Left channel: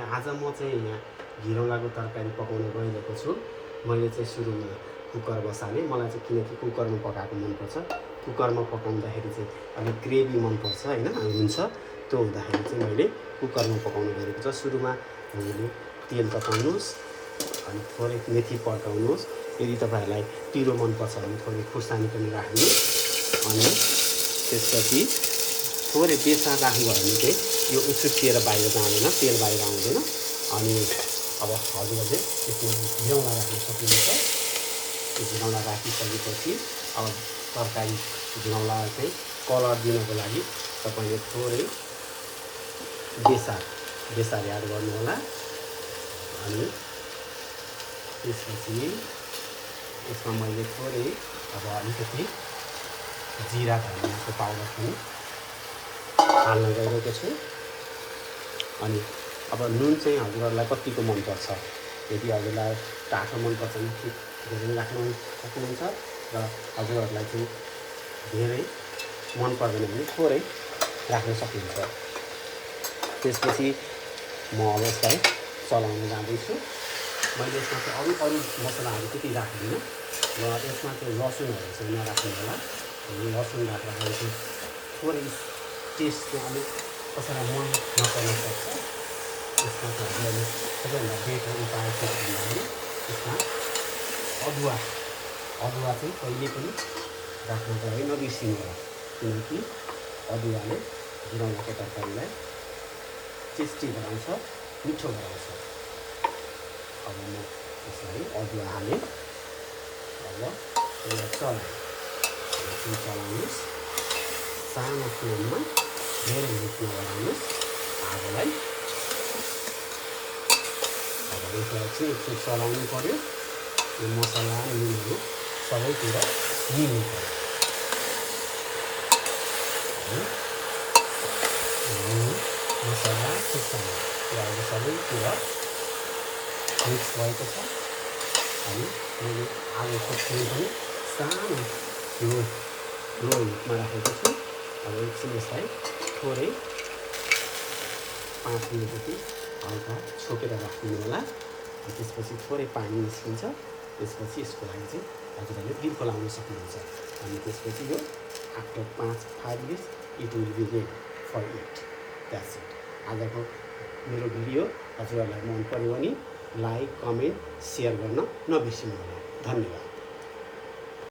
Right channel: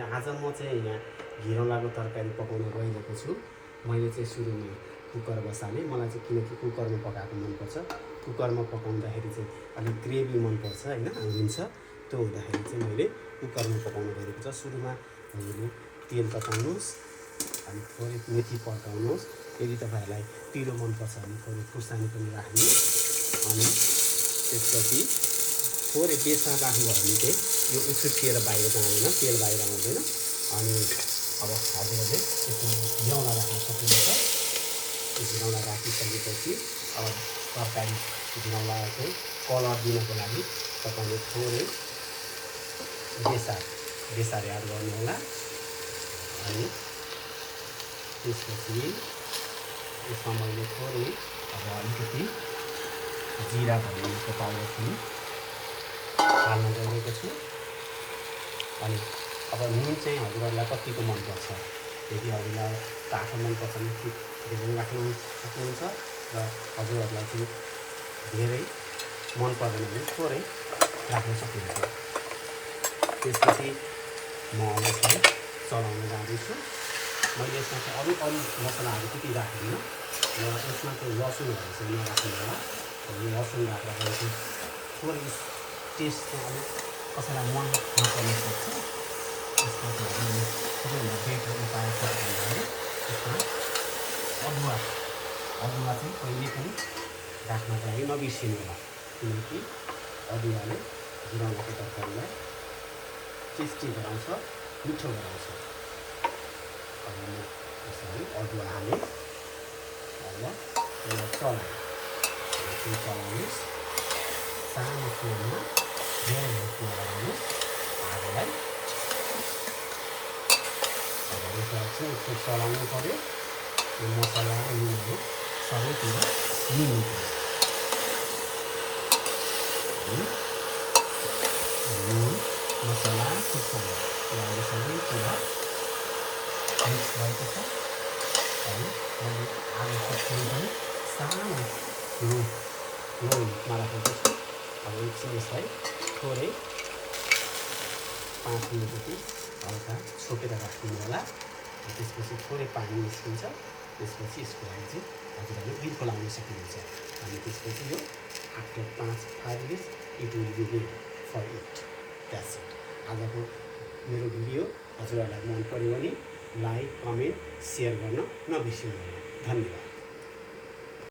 आज म चाहिँ यहाँ घिरौँलाको तरकारी पकाउन गइरहेको छु। मैले चाहिँ सुरुमा कुकर बसालेँ। मलाई चाहिँ किनकि कुकरमा पकाएको मनपर्छ। कुकरमा पकाउँदाखेरि चाहिँ अलिक ग्रेभी मनपर्छ होइन, हुन्छ। त्यो हुँदाखेरि चाहिँ मैले कुकरमा पकाउन गइरहेको छु। सुरुमा हामीले तेल तताउनुहोस्, अनि थोरै मेथी पड्काउनुहोस्। यदि तपाईँहरूलाई पिरो मनपर्छ भने थोरै खुर्सानी पनि राख्नुहोस्। अनि त्यसपछि थोरै बेसार राख्नुभयो भने चाहिँ यो उछुट्टिएर बाहिर जाँदैन, तेल बाहिर आउँदैन। अनि अब हजुरहरूले त्यसमा घिरौँला राख्न सक्नुहुन्छ। त्यो घिरौँला राखिसकेपछि अब तरकारी घिरौँला चाहिँ कलर दिनको लागि तपाईँले थोरै बेसार एड गर्नु होला। अनि त्यसपछि यसमा मैले थोरै अब अलिकति जिरा धनियाको पाउडर पनि हाल्न गइरहेको छु। अनि अब नुन चाहिँ हजुरहरूलाई कतिको मनपर्छ, यदि हजुरलाई टाढो मनपर्छ भने धेरै राख्नु सक्नुहुन्छ, र हजुरहरूलाई चाहिँ धेरै मन पर्दैन भने थोरै राख्न सक्नुहुन्छ। त्यसपछि म अब यसलाई चलाउन जाँदैछु। मैले यसमा चाहिँ अरू मसलाहरू त्यति राख्दिनँ, र यसमा चाहिँ लसुनहरू चाहिँ नराख्नु होला। लसुन राख्दाखेरि चाहिँ थोरै टेस्ट चाहिँ अलिक कसैलाई मन नपर्न सक्छ। यसमा चाहिँ हामीले सबैभन्दा बेटर उपाय के भन्दाखेरि यसमा अदुवा चाहिँ कहिले पनि राख्नको लागि नबिर्सिनु होला, किनकि अदुवाले घिरौँलाको तरकारीलाई टेस्टी गराउँछ, मिठो गराउँछ। अब म यसरी अदुवा हालेँ। अब यसलाई चलाउनुहोस् सानो फ्लेममा, धेरै हिटमा लगाउनुहोस् आगोलाई। अब यसलाई चाहिँ एकछिन चलाउनु पऱ्यो। यो मसला नुनहरू सबैतिर मिल्नु पऱ्यो। मसला खुर्सानी सबैतिर मिक्स भएको छ। अनि मैले आलुको फ्लेम पनि सानो लो हिटमा राखेको छु। अब एकछिन यसलाई थोरै 5 मिनट जति हल्का छोपेर राखिदिनु होला। त्यसपछि थोरै पानी निस्किन्छ। त्यसपछि यसको लागि चाहिँ हजुरहरूले गिर्को लाउन सक्नुहुन्छ। अनि त्यसपछि यो after 5 minutes it will be good for it. That's it. आजको मेरो भिडियो हजुरहरूलाई मन पर्यो भने लाइक, कमेन्ट, सेयर गर्न नबिर्सिनु होला। धन्यवाद।